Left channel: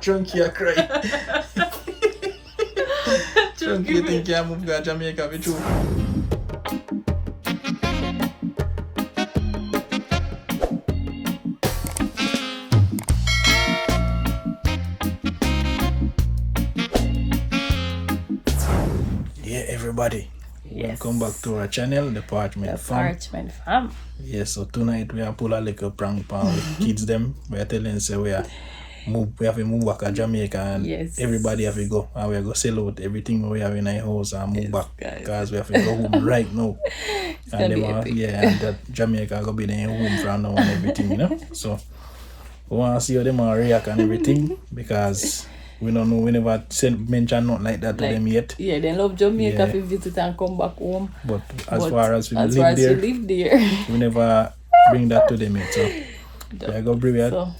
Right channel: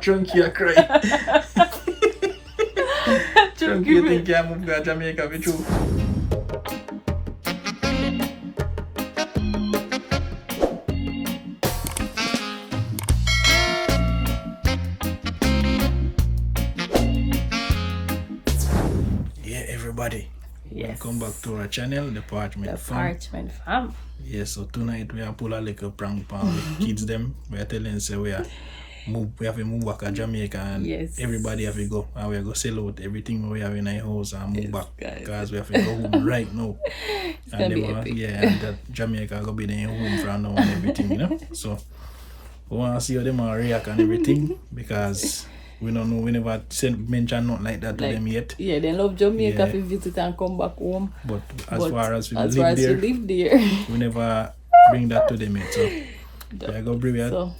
Chunky a cry. Chunky you think you move to Jamaica with you? Yeah, everybody. Yes. Welcome back to our channel, the Parchment Fam. Parchment Fam. Yes, so tonight we are pull a little prank pan with kids them. We are telling say we have to move back to Jamaica and yes. Everybody have to go and we are going to sell out everything we have in our house and move back because we have to go home right now. And them and that Jamaica gonna be their home from now and everything, you know. So we want to see how them are react and everything because we don't know, we never mention nothing like that to them yet. Yeah, they love Jamaica to visit and come back home. But as far as we live there, we never bring that to them yet. So we go bring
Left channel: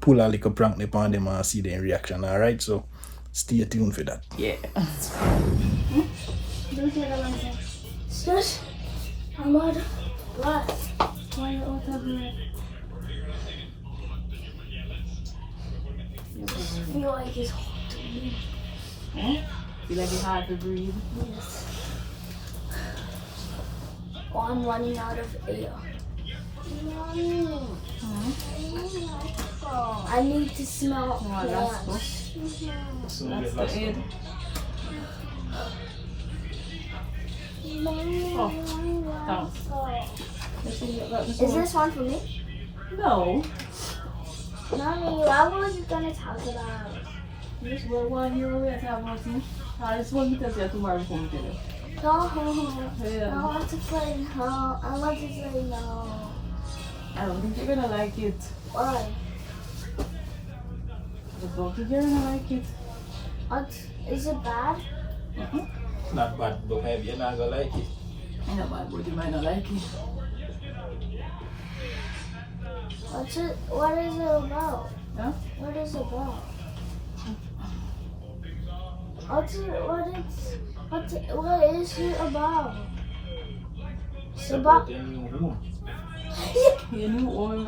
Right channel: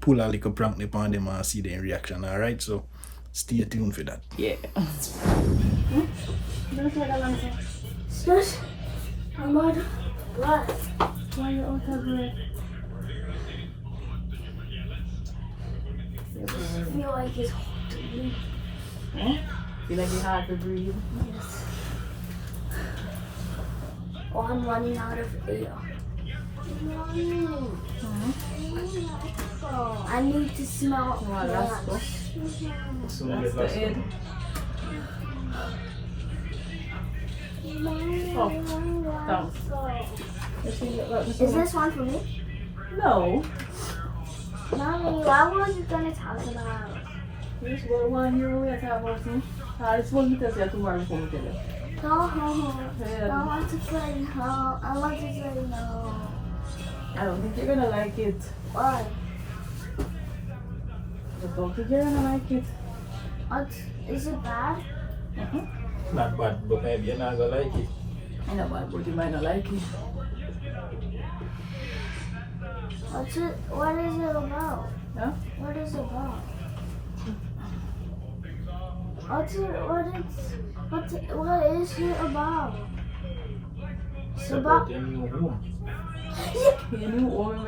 pull a little prank upon them and see their reaction, alright? So stay tuned for that. Yeah. Shush. I'm out. What? Why are you out of breath? I feel like it's hard to breathe. Feel like it's hard to breathe? Yes. Oh, I'm running out of air. I need to smell plants. That's the end. Oh, thanks. Is this one for me? No. Mommy, what was you gonna talk about? This was 1 year away to have us. This one you can say tomorrow before we get it. Go home. I want to play home. I want to play home. I don't think you're gonna like it. Why? I don't think you're gonna like it. What? Is it bad? Not bad, but maybe you're not gonna like it. I know bad, but you might not like it. What is it about? Huh? What is it about? What is it about? It's about your new home. Your new home, all the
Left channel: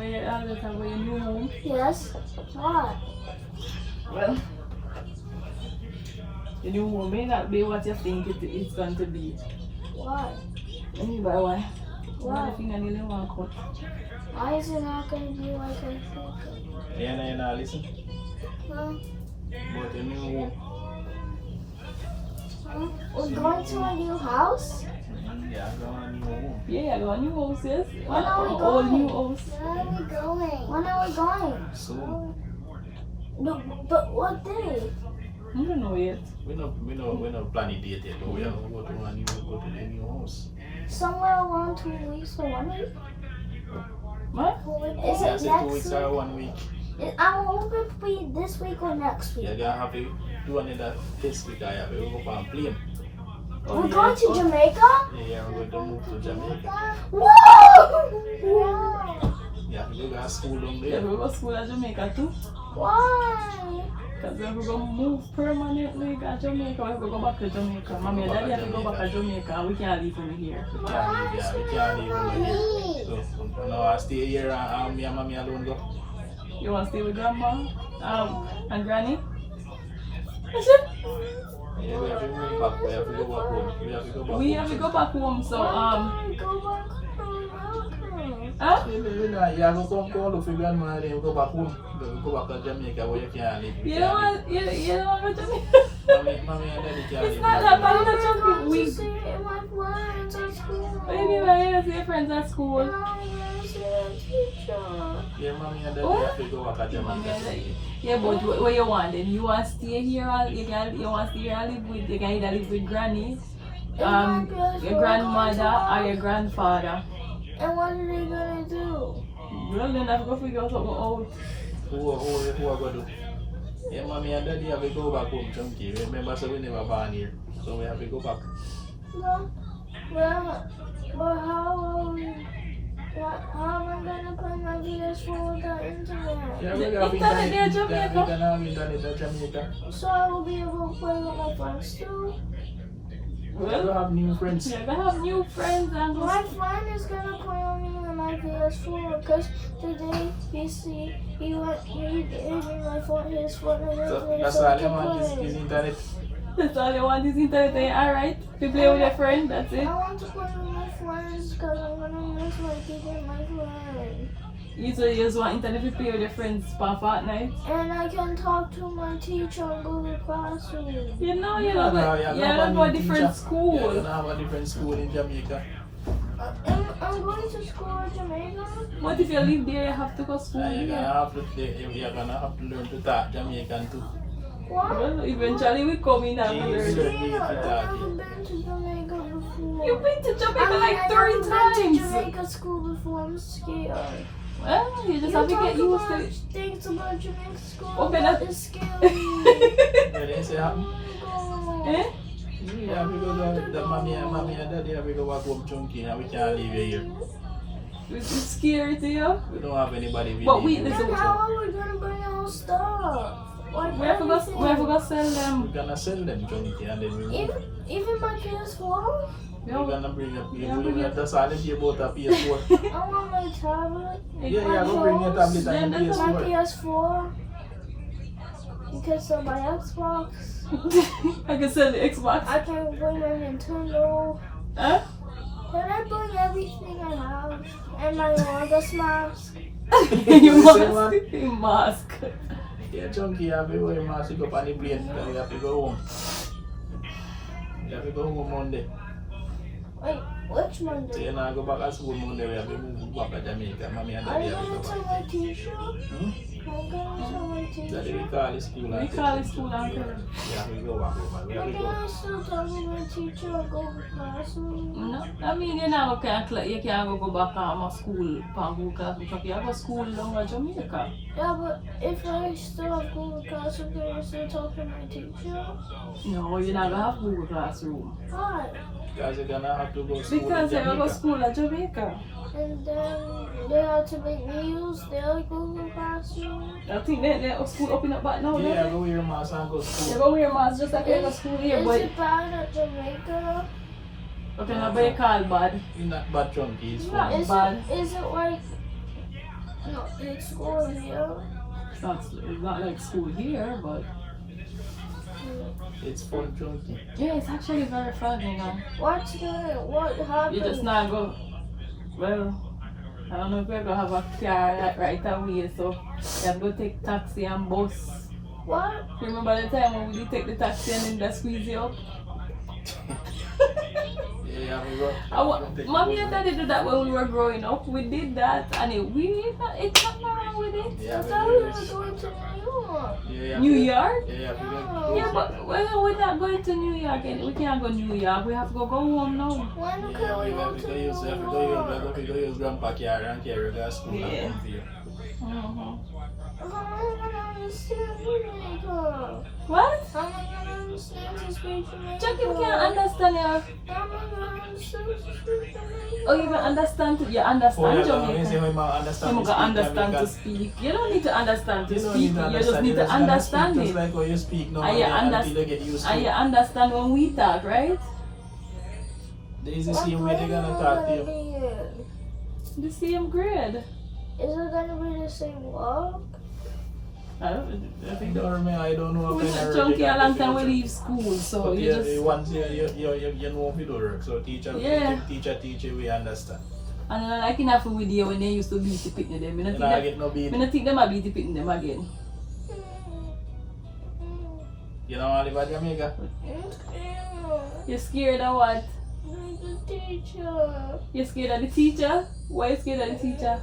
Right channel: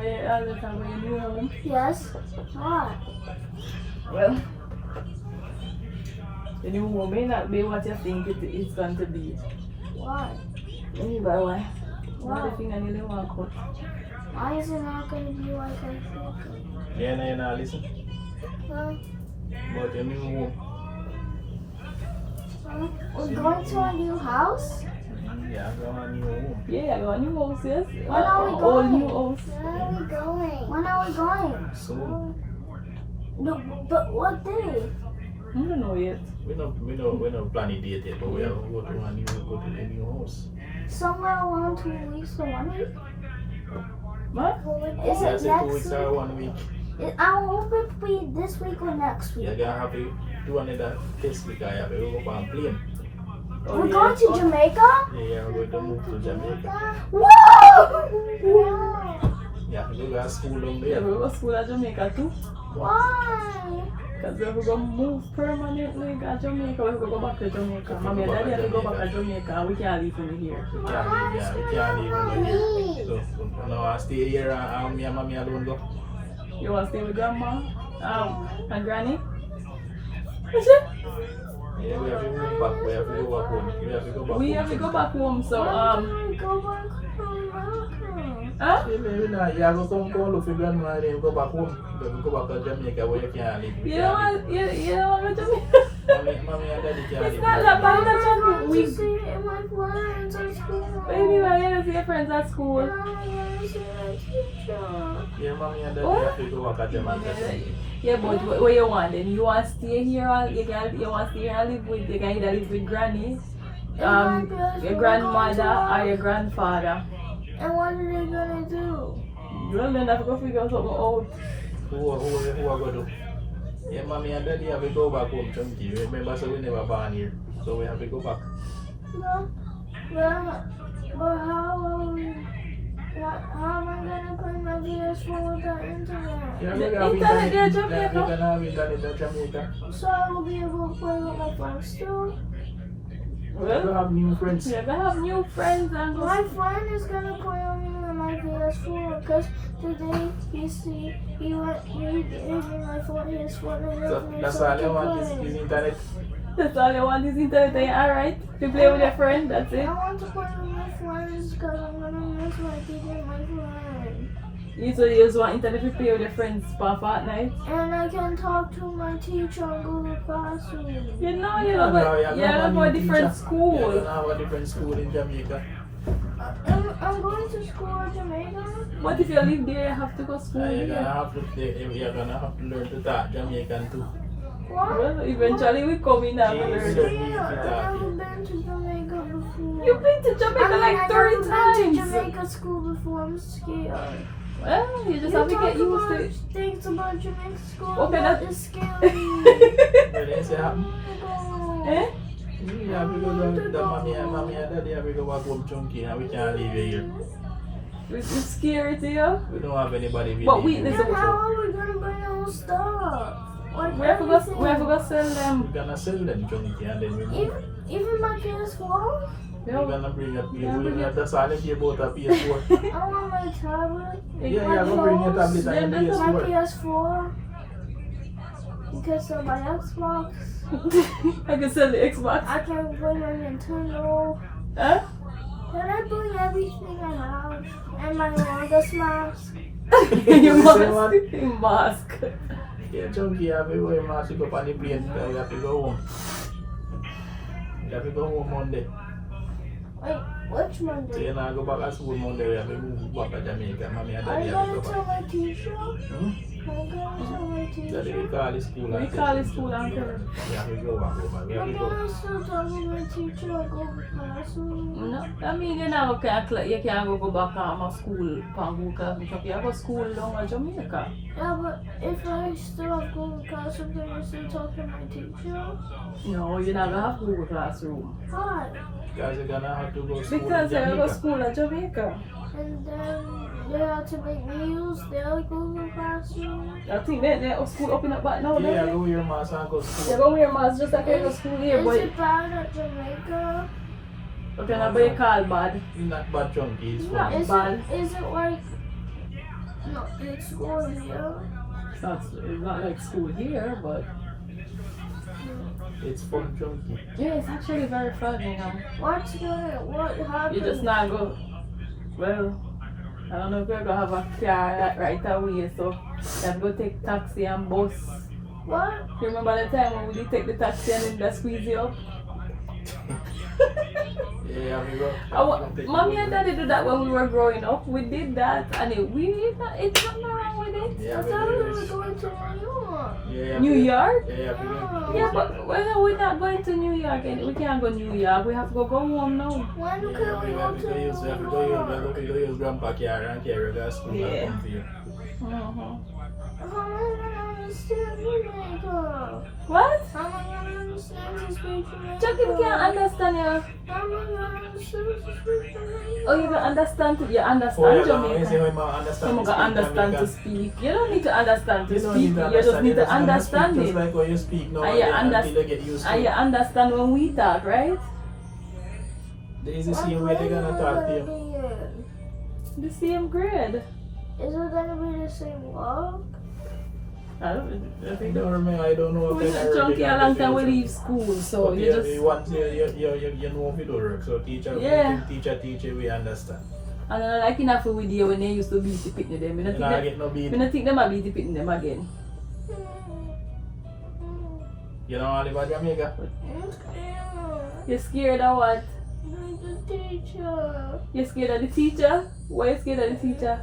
time about your new home? Yes. What? Well, your new home may not be what you think it's going to be. Why? Let me buy one. Why? I think I need one cut. Why is it not going to be like I think? Yeah, you're not listen. Huh? About your new home. We're going to a new house? Yeah, I got a new home. Yeah, I got a new house, yes. When are we All going? new house. When are we going? So No, but what day? I don't know yet. we not planning date yet, but we have to go to the new house. Somewhere around 2 weeks or 1 week? What? Is I it said 2 next weeks or 1 week. I hope it be this week or next week. You're gonna have to do another this week. I have to go on plane. We're going to Jamaica? Yeah, we're going to move to Jamaica. Whoa! Yeah, we go to school down Yeah, there. we go to school at Jamaica too. Why? Because we have to go move permanently at Jamaica. We have to go back to Jamaica. Mommy and Daddy have to go back to Jamaica. We can't leave from here. We can't leave over here. So now I stay here and me and mommy alone go. You want to stay with grandma? And granny? Yeah, we have to move back. We have to go back home. We have to go back home, so Go back home. huh? Yeah, go come look for grandma and then go back home. Go back to Jamaica where you can't live. You don't want to go to Jamaica? Mommy and daddy can't live. It's not that bad. That's I okay. want We to see my friends at school. baby, we're here to see your friends at school. I want to see my teacher. Yeah, mommy and daddy have to go back to Jamaica. Yeah, but what you want then? You want to stay here? You want to stay here and live with? You can either live with granny, your grandmother, or your grandfather. And what are they gonna do? Well, then have to go figure something out. Who are going to do? Yeah, mommy and daddy have to go back home, Chunky. Remember, so we never born here. So we have to go back. No. But how am I gonna play my PS4 without internet? Yeah, The internet there, Jamaica. We can have internet in Jamaica. So I will be able to play with my friends too? We have new friends. You're gonna have new friends and My friend is gonna play with me and my my PS4 because today he gave me my phone, his phone, and everything. That's So all I I can want play. is internet. That's all you want is internet. Alright. You play with your friend, that's it. I want to play with my friends because I'm gonna miss my teacher and my friend. You just want internet to play with your friends for Fortnite. And I can talk to my teacher on Google Classroom. You know, you don't go to different school. You don't have a different school in Jamaica. I'm going to school in Jamaica. What if you live there, you have to go to school You're here? gonna have to learn to talk Jamaican too. What? Well, eventually we come in and Yeah. learn. Yeah, I've never been to Jamaica before. You've been to Jamaica like 30 I've never been to times. Jamaica school before. I'm scared. Well, you just You have to talk get used about to it. things about Jamaica school. Okay, that that- is scary. When they say, Oh my God. Eh? you have to go to the mommy and daddy have to go back home chunky and we can't leave you here. It's scary to you? We don't have anybody with But we- you. listen, Then how are we gonna bring our stuff? Like We have to go sell We're them. gonna sell them chunky and then we move. Even my PS4? We're gonna bring up PS4. That's all if you bought a PS4. I want my tablet. Yeah, go bring your tablet and your Yeah, My PS4. PS4. You can sell my Xbox. I can sell the Xbox. I can bring my Nintendo. Huh? Can I bring everything I have? And my August mask. You Say what? mask. You mask. Yeah, chunky, you have to wear a mask to go on the plane. You have to go home. You have to go home Monday. Wait, which So Monday? you now go back to school Monday. We have to move back to Jamaica. Mommy and Are daddy you have to gonna go tell back. my teacher? Hmm? Are you gonna tell my Daddy teacher? will call the school and We tell call them the school to- and tell them. We have to go back home. We have I'm to go. gonna still tell my teacher I go to classroom. No, I mean you never you can't go back to school Panguka because you have a school down in Jamaica. Yeah, but if I still have Google Classroom, can I still talk to my teacher? No, you never have Google Classroom. Why? Because you're gonna have to go to school Because in you have a Jamaica. school in Jamaica. And then they have to make me use their Google Classroom. I think that school open up back now, Yeah, don't go wear your mask and go to they? school. You go wear mask just like you go to school here, Is but it bad at Jamaica? okay, now but you call bad. It's not bad chunky, it's Yeah, fun. it's- Is it like no? It's school here. It's not like school here, but It's fun chunky. yeah, it's actually very fun, you know. What happened? You just not go. Well, I don't know if you're gonna have a car right away, so you have to go take taxi and bus. What? Remember the time when we take the taxi and then they squeeze you up? Yeah, we go. Mommy and Daddy did that when we were growing up. We did that, and it's not wrong with it. Yeah, I we thought we do were this. going to New York. Yeah, New York? Yeah, we go. Yeah, but we're not going to New York, and we can't go New York. We have to go home now. When Yeah, can we we go have to to go use, we have to New go use, York? we have to go use grandpa car and carry the school Yeah. and come for you. How am I gonna understand Jamaica? What? How am I gonna understand to speak Jamaica? Chucky can't understand you. How am I gonna understand to speak Jamaica? Oh, you can understand. You Oh, understand yeah, Jamaican. say we might understand You to can speak understand to Jamaican. speak. You don't need to understand to You don't speak. need to You understand. just need to understand understand Just it. like when you speak now And you until you get used to And you it. understand when we talk, right? It's the same way they're gonna talk to you. The same grade. Is it gonna be the same walk? I think Don't remember, I don't know we what kind of chunky a long time we future. leave school, so But you yeah, just once you know if it don't work. So teacher, Yeah. teacher, we understand. and then like enough with you when they used to beat the picnic them. You not get no beat. I don't think them a beat the picnic them again. You know all about Jamaica? You're scared of what? The teacher. You're scared of the teacher? Why you scared of the teacher?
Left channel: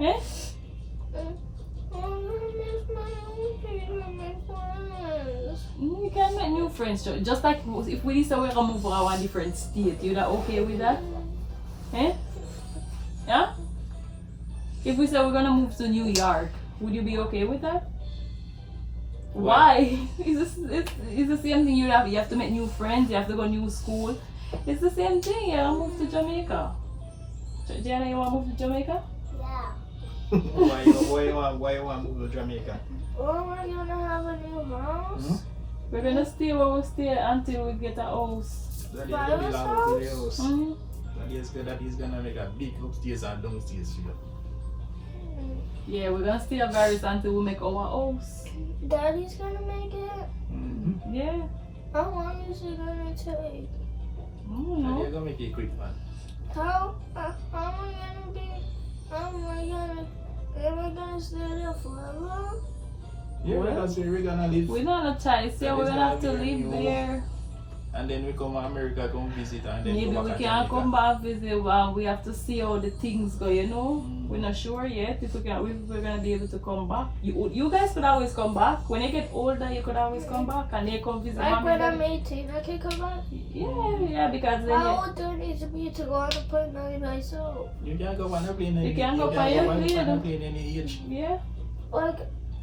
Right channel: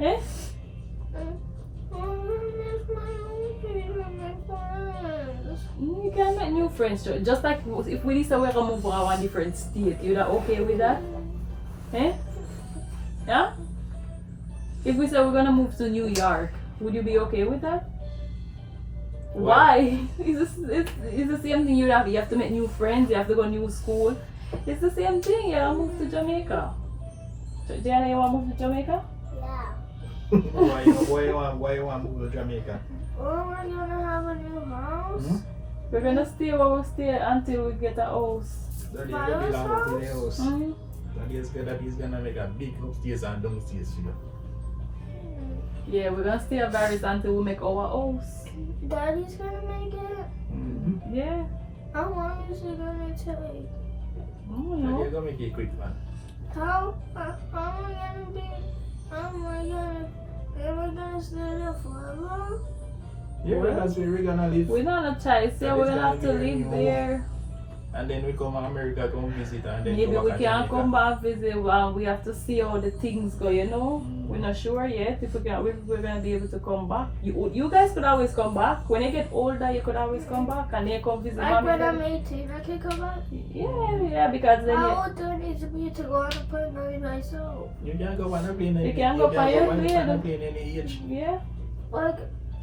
Eh? You can make new friends, sure. Just like if we decide we're gonna move to a different state, you that okay with that? Eh? Yeah? If we say we're gonna move to New York, would you be okay with that? Why? It's the same thing you have to make new friends, you have to go to new school. It's the same thing, you wanna move to Jamaica. Jana, you wanna move to Jamaica? Yeah. why you want to move to Jamaica? Or we're gonna have a new house. Hmm? We're gonna stay where we stay until we get a house. Daddy belong to the house. Mm. Daddy's gonna make a big upstairs and downstairs for you. Yeah, we're gonna stay at Varys until we make our house. Daddy's gonna make it. Mm-hmm. Yeah. How long is it gonna take? I don't know. Daddy's gonna make it quick, man. How am I gonna be? Am I gonna stay there forever? Yeah, Well, that's where we're gonna live. We're not a choice. Yeah, That we're is gonna have to gonna be live your there. And then we come to America, come visit, and then Maybe go we back can't to come Jamaica. back visit. Well, we have to see how the things go, you know. We're not sure yet if we're gonna be able to come back. You guys could always come back. When you get older, you could always come back and then come visit Like mommy. when I'm Daddy. 18, I can come back. Yeah, because then How old do I need to be to go on a plane by myself? You can't go on a plane. You can't go by your plane. plane any age. yeah, Like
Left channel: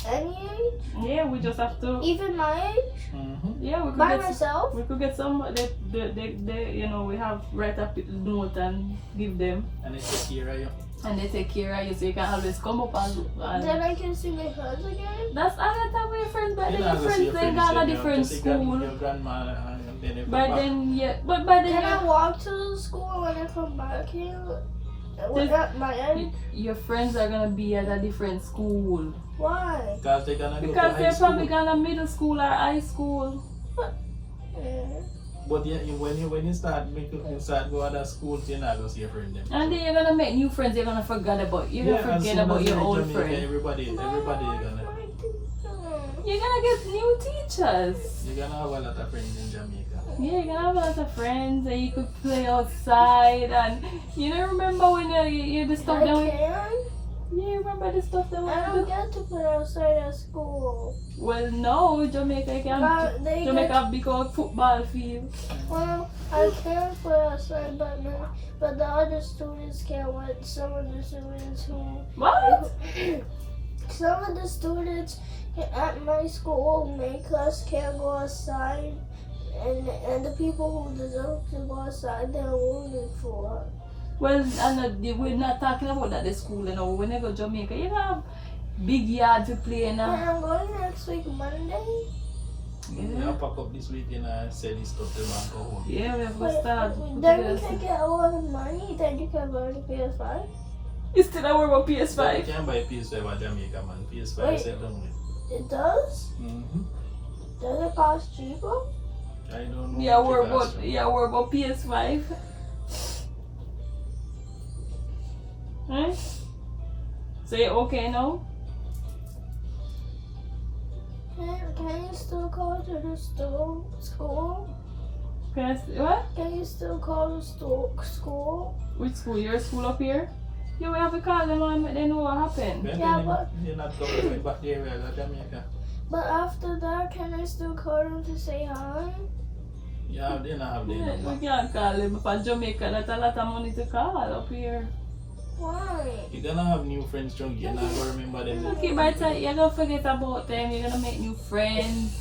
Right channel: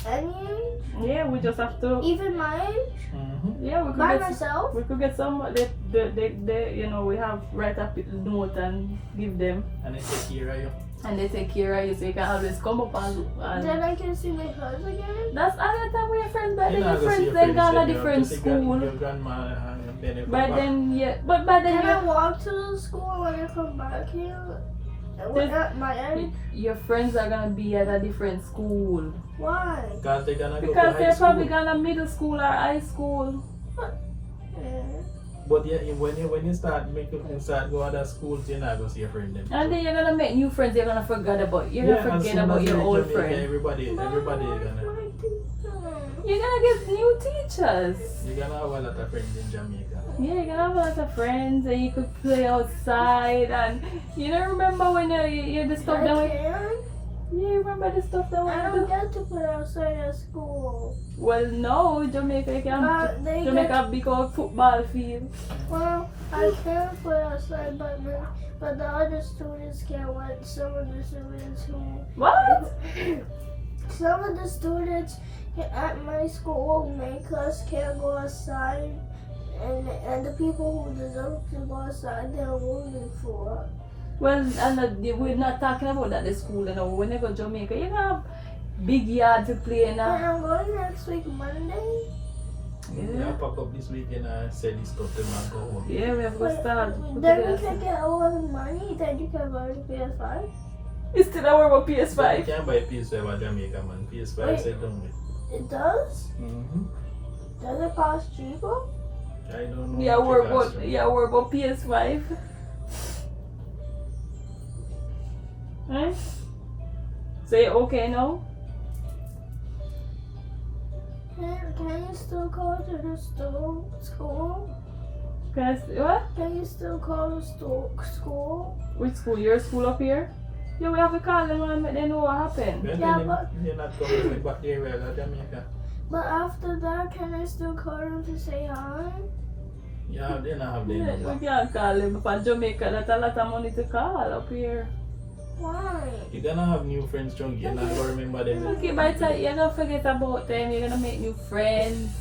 any age? yeah, we just have to. Even my age? Mm-hmm. Yeah, we could By get. myself? We could get some. They you know, we have write up a note and give them, And they take care of you. and they take care of you, so you can always come up and Then I can see my friends again? that's another time with your friends, but You're then not your gonna see friends they got a then you different have to take school. Your grandma and then you come But back. then yeah, but then Can I walk to the school when I come back here? At my age? your friends are gonna be at a different school Why? Because they're gonna go because to high they're school. probably gonna middle school or high school. Yeah. But yeah, when you start go other schools, you're not gonna see your friend them. And then you're gonna make new friends. You're gonna forget about as soon about as your you old Jamaica, friends. everybody is gonna. You're gonna get new teachers. You're gonna have a lot of friends in Jamaica. Yeah, you can have a lot of friends and you could play outside and you know remember when you the stuff I that we can? yeah remember the stuff that I we don't get to play outside at school. well no Jamaica you can But they Jamaica have big old football field. Well, I can play outside, but the other students can't let some of the students who What? some of the students at my school, main class, can't go outside, and the people who deserve to go outside, they're voting for. Well we're not talking about that at school you know when you go to Jamaica you have big yard to play in But I'm going next week Monday. Yeah, pack up this weekend and sell this stuff to man go home. yeah we have to start put Then we together can stuff. get a lot of money. Then you can buy the PS5. It's still our about But you PS5 can't buy PS5 at Jamaica, man. PS5 Wait. set down with. It does. Mm-hmm. Does it cost cheaper? I don't know. yeah what we're it costs about you. PS5 right? So you okay now? Can you still go to the school? What? Can you still call the school? Which school? Your school up here? Yeah, we have to call them and let them know what happened. Then Yeah, they- but- they're not coming back the area of Jamaica. But after that, can I still call them to say hi? Yeah, they don't have their We number. can't call them from Jamaica. That's a lot of money to call up here. Why? You're gonna have new friends, Chunky. You're not gonna remember them. Okay, by the time you're gonna forget about them, you're gonna make new friends.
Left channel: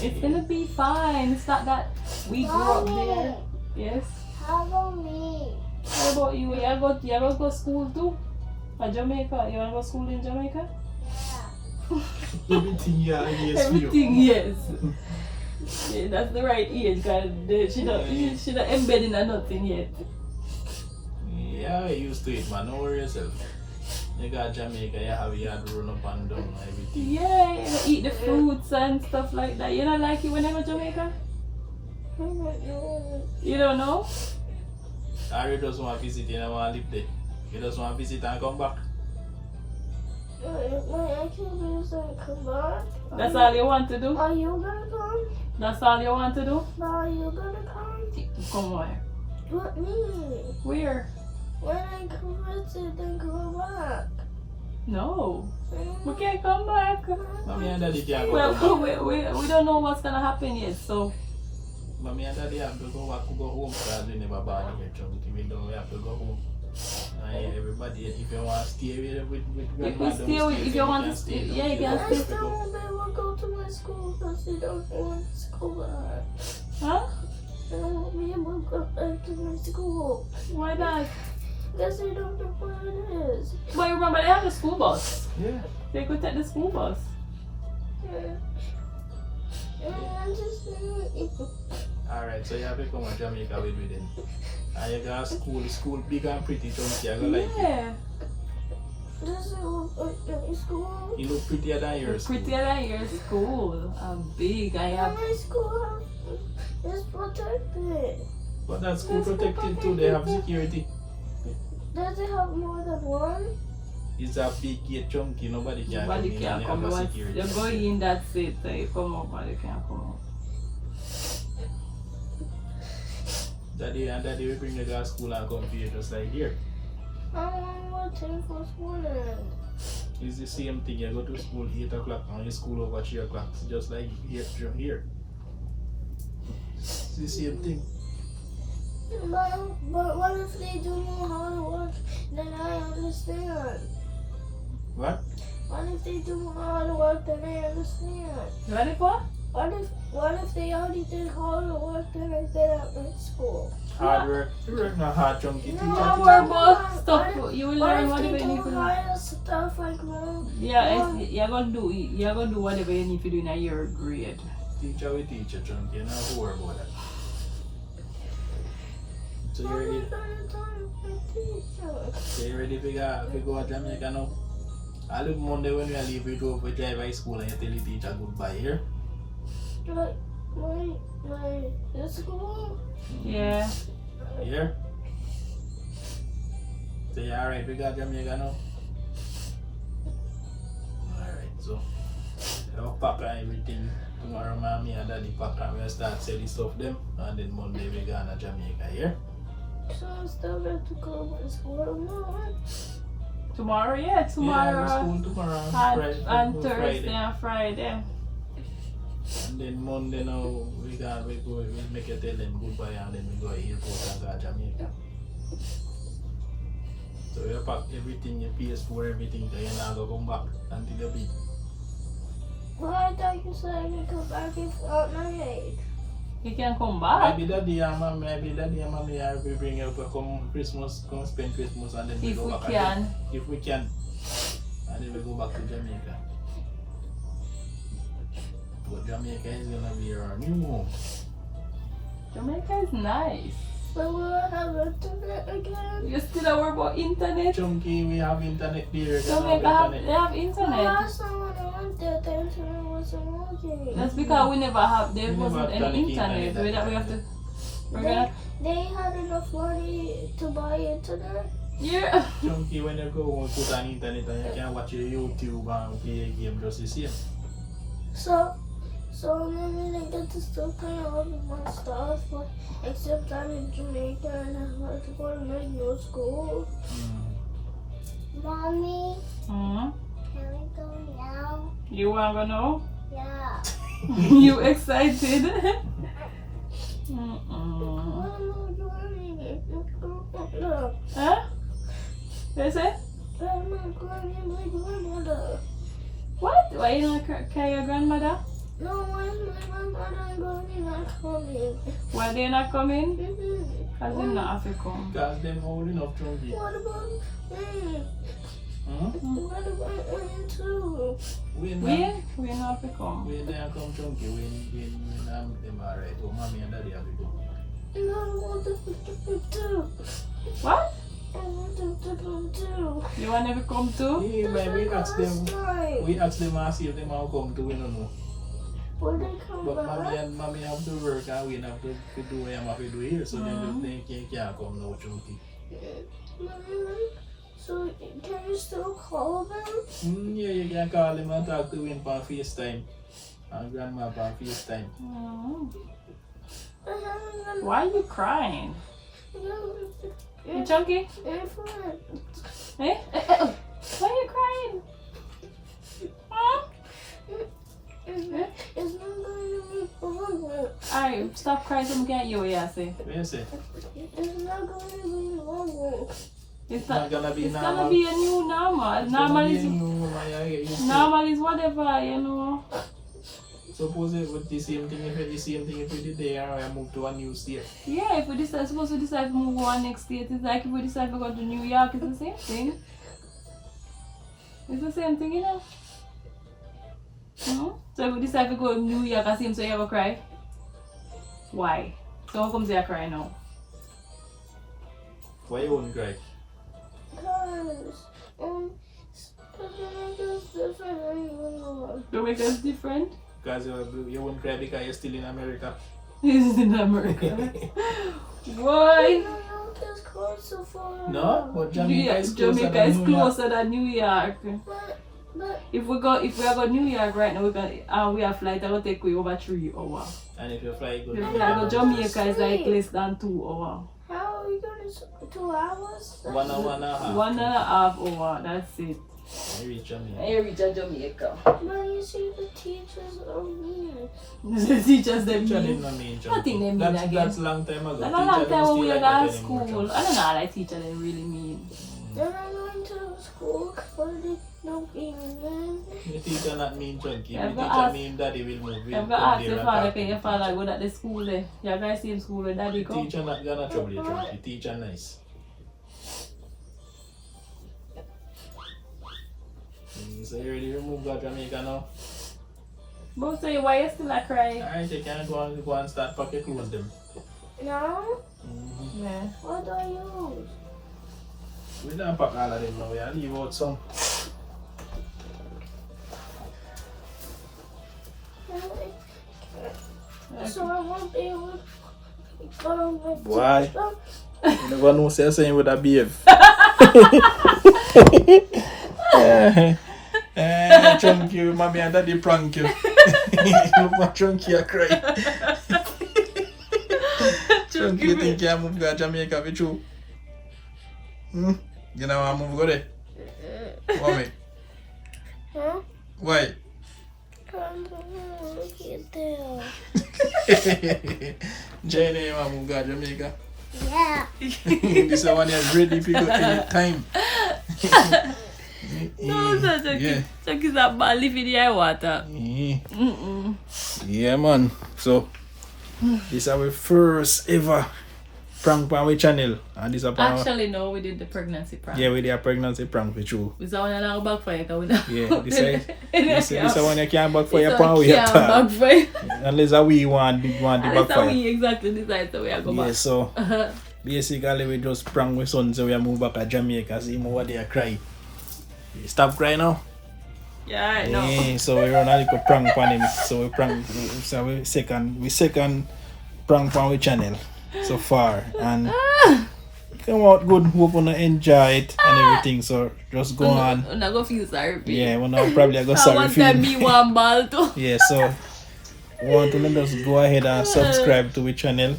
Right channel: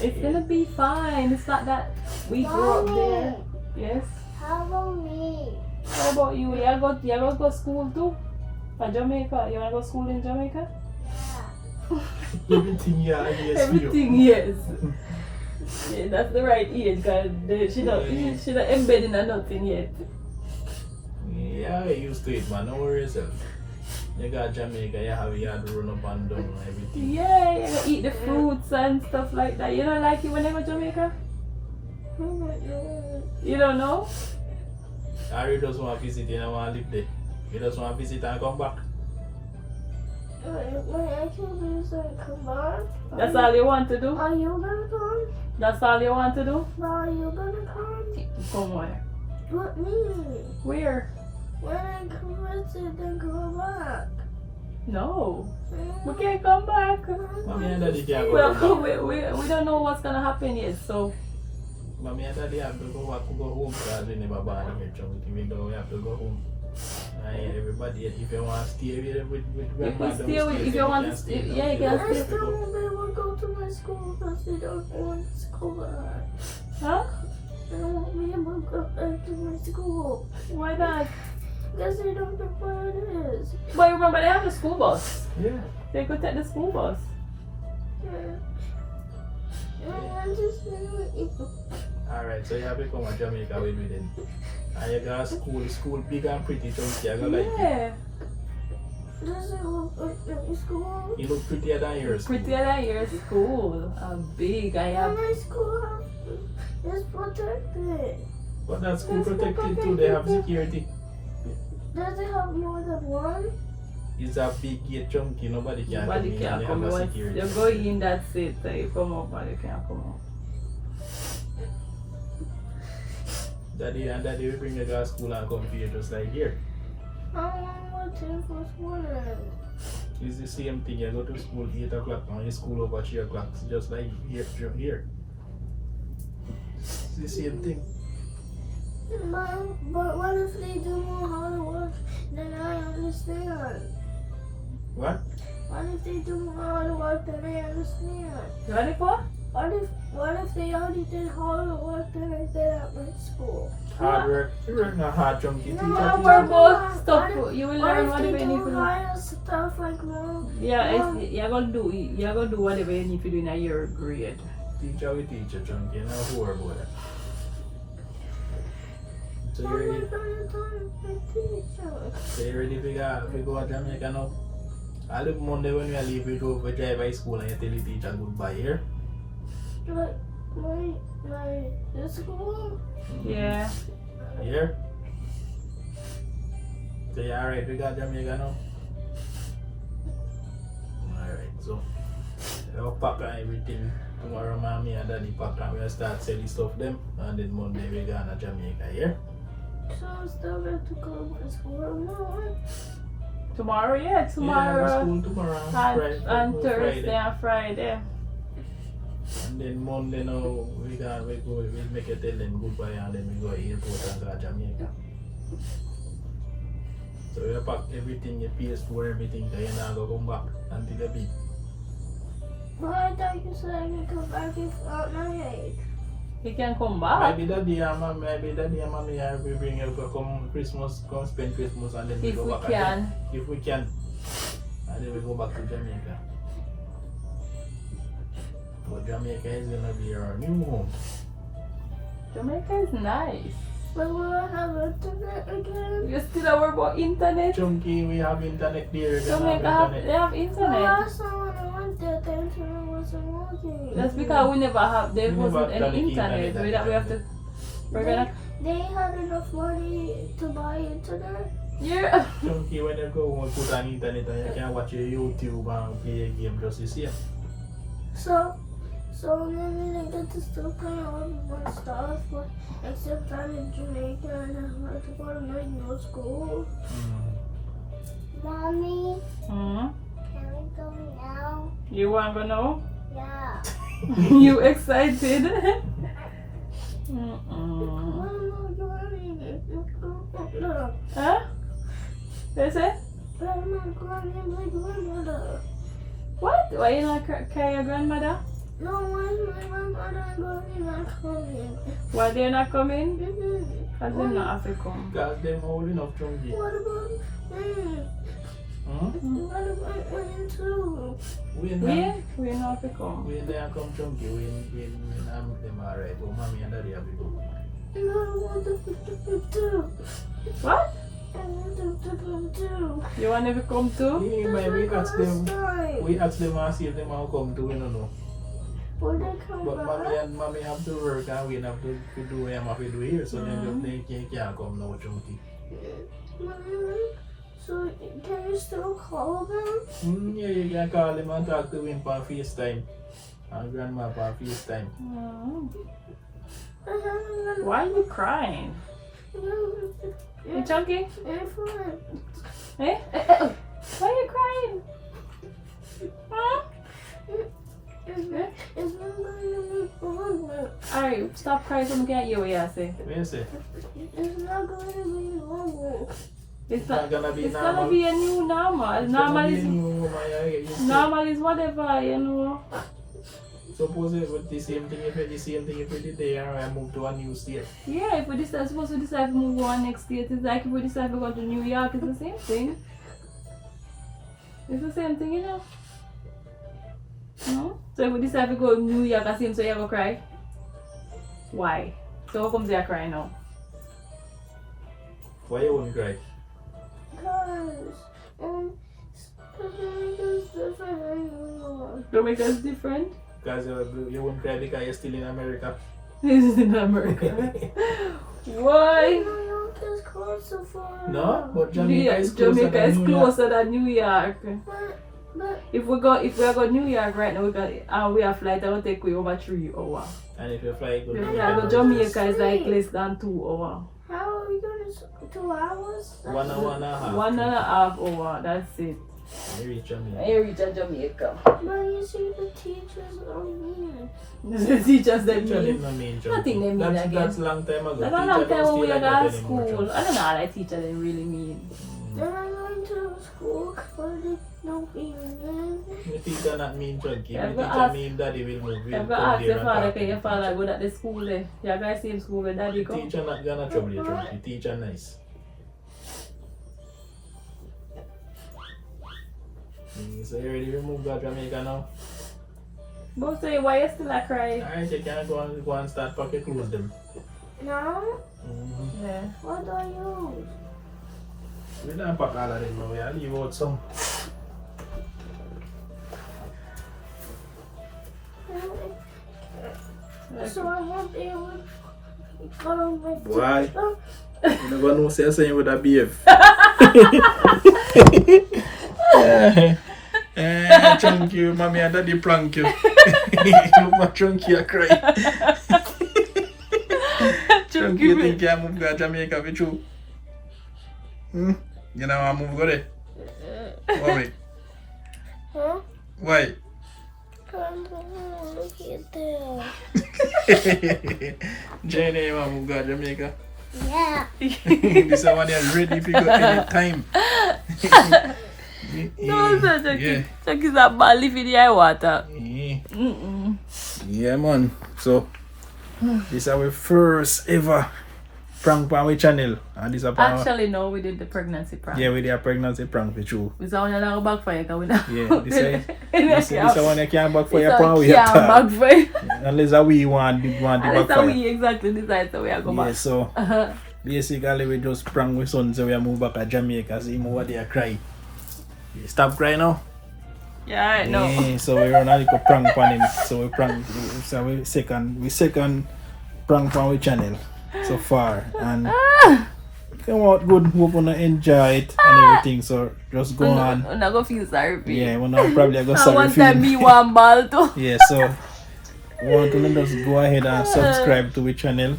It's gonna be fine. It's not that we grew up there. Yes. How about me? What about you? You gonna go school too? At Jamaica? You wanna go school in Jamaica? Everything, yeah, yes, for you. Everything, yes. Yeah, that's the right age, cause she not embedded in nothing yet. Yeah, I used to it, man. Don't worry yourself. You got Jamaica, you have yard run up and down and everything. Yeah, you know, eat the fruits and stuff like that. You don't like it when you go to Jamaica? You don't know? Ari just want to visit, you don't want to live there. You just want to visit and come back. My actual is gonna come back. That's all you want to do? Are you gonna come? That's all you want to do? Are you gonna come? Come on. What me? Where? When I come visit, then come back. No. We can't come back. Mommy and daddy can't go Well, back. we don't know what's gonna happen yet, so Mommy and daddy have to go back, go home because we never born here, Chunky. We know we have to go home. Everybody, if you want to stay with grandma if you downstairs, if you want to can stay, down yeah, you here. can I stay. still won't be able to go to my school because they don't know when school back. Huh? I won't be able to go back to my school Why not? because they don't know where it is. But remember, they have the school bus. Yeah. They could take the school bus. I just Alright, so you have to come to Jamaica with me then. And you got school big and pretty chunky. I go like it. Yeah. This is a school. You look prettier than your school. Prettier than your school. Big. I have. My school is protected. But that school protected too. They have security. Does it have more than one? It's a big gate chunky. Nobody can come in and they have a security. You go in that seat, you come up, but you can't come out. Daddy will bring you to school and come to you just like here. I don't want to take for school then. It's the same thing. You go to school 8 o'clock and you school over 3 o'clock. It's just like here. It's the same thing. But what if they don't know how to work? Then I understand. What? What if they don't know how to work? Then I understand. You ready for? What if they already did hard work then I did at my school? Hard work. You work not hard chunky. No, Teacher, I teacher. work But stop. You will What learn if whatever they you need to do do. hard stuff like mom? Yeah, you're gonna do whatever you need to do in your grade. Teacher will teach you chunky. You know who worry about that. So How you am I ready? gonna tell my teacher? So you ready to go to Jamaica now? I look Monday when we leave we drive high school and you tell the teacher goodbye here. Like my school? Yeah. Here? So you alright, we got Jamaica now? Alright, so I'll pack and everything. Tomorrow mommy and daddy pack and we'll start selling stuff them and then Monday we go to Jamaica here. So I still have to go to school tomorrow. Tomorrow, yeah, tomorrow. Yeah, school tomorrow And Thursday Friday. and Friday. And then Monday now we make a tell them goodbye and then we go to airport and go to Jamaica. So we pack everything, your PS4, everything, so you're not going to come back until the beat. Well, I thought you said I could come back if at my age. You can come back. Maybe daddy and mommy will bring you to come Christmas, come spend Christmas and then we If go we back can. again. If we can. And then we go back to Jamaica. But Jamaica is going to be our new home. Jamaica is nice. But will I have internet again? You still worry about internet? Chunky, we have internet there. Jamaica they have Well, internet. last time when I went there, the internet wasn't working. That's because we never have, there We never wasn't have any internet internet. We have to, we're gonna, They had enough money to buy internet. yeah. Chunky, when you go home, put on internet and you can watch your YouTube and play a game just the same. So maybe they get to still play all of my stuff, but except I'm in Jamaica and I have to go to my new school. Mommy, Hmm? can we go now? You want to know? Yeah. You excited? What am I doing? No. Huh? What you say? I'm not going to my grandmother. What? Why you not carry your grandmother? No, where's my grandmother going not coming? Why they not coming? Mm-hmm. Because they not have to come. Because them old enough, Chunky. What about me? What about me too? We We not have to come. don't come Chunky. We them alright. But mommy and daddy have to go. No, I want them to do. What? I want them to do. You want to come too? Yeah, but we ask them. Time. We ask them and see if they want to come too. We don't know. Will they come But back? mommy have to work and we have to do what we have to do here. So they can't come now, Chunky. So can you still call them? Yeah, you can call him and talk to him on FaceTime. And grandma on FaceTime. Why are you crying? You chunky? Eh? Why are you crying? Huh? It's not going to be longer. Alright, stop crying so I can hear what you say. What you say? It's not going to be longer. It's not gonna be it's normal. gonna be a new normal. Normal is whatever, you know. Suppose it would the same thing if we did there and I moved to a new state. Yeah, if we decide, suppose we decide to move on next state, it's like if we decide to go to New York, it's the same thing. It's the same thing, you know. So if we decide to go to New York, I see him, so you ever cry? Why? So how come they are crying now? Why you wouldn't cry? Because Jamaica's different anymore. Jamaica's different? Because you wouldn't cry because you're still in America. This is in America. Why? New York is closer for No, but Jamaica is closer Jamaica than is New York. closer than New York. But If we go New York right now, we have flight that will take we over 3 hours. And if you fly, go If to we go Jamaica is like less than 2 hours. how are we going to 2 hours? 1 hour and a half. 1.5 hours, that's it. You reach Jamaica. I reach Jamaica. But you see the teachers are mean. The teachers that Teacher mean. did not mean Nothing they mean that's, again. that's long time ago. That's a Teacher long don't time when stay we like were that at anymore, school. Chums. I don't know how that teacher they really mean. Then I went to school for the no even. The teacher not mean chunky. Yeah, The but teacher ask- mean daddy will move. If you ask your father, can your father go to the school there? You guys see in school where daddy go? Teacher not gonna trouble you, chunky. Teacher nice. So you ready to move to Jamaica now? But say, why you still a cry? Alright, you can go and start pack your clothes them. No? Yeah. What do I use? We don't pack all of them now, yeah. Leave out some. So I won't be able to go on my Why? stuff. You never know, say saying with a behave. Chunky, mommy and daddy prank you. Chunky, I cry. Chunky, you think you move to Jamaica with you? You know I move go there? Why? Huh? Why? Look at there. Jenny, I move to Jamaica. Yeah. This one is ready to go anytime. No, sir, Chucky. Yeah. Chucky's a bad living in the water. Yeah, man. So, this is our first ever prank on our channel. And this is Actually, no, we did the pregnancy prank. yeah, we did a pregnancy prank with you. We saw one backfire. Yeah, this is one you can't backfire upon we can't backfire. unless we want the And that's how backfire. we exactly decide so we are going Yeah, back. so basically we just prank with son so we move back to Jamaica. See him over there cry. Stop crying now. Yeah, I know. Yeah, so we run a little prank on him. So we prank. So we second prank on our channel so far, and come out good. Hope you enjoy it and everything. So just go on. I'm not gonna feel sorry for you. Yeah, we're not probably go And sorry one for time you. me one ball too. Yeah, so want to just go ahead and subscribe to our channel.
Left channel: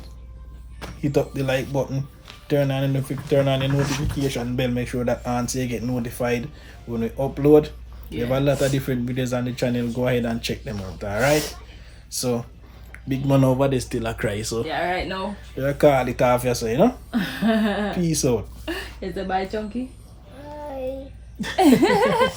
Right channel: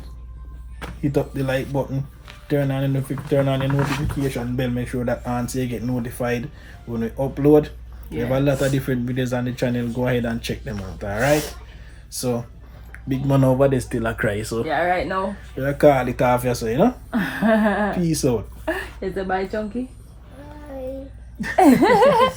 Hit up the like button. Turn on the notification bell. Make sure that so you get notified when we upload. We have a lot of different videos on the channel. Go ahead and check them out. Alright. So big man over there still a cry. So Yeah, right now. you call it off here, so you know. Peace out. Is the bye chunky? Bye.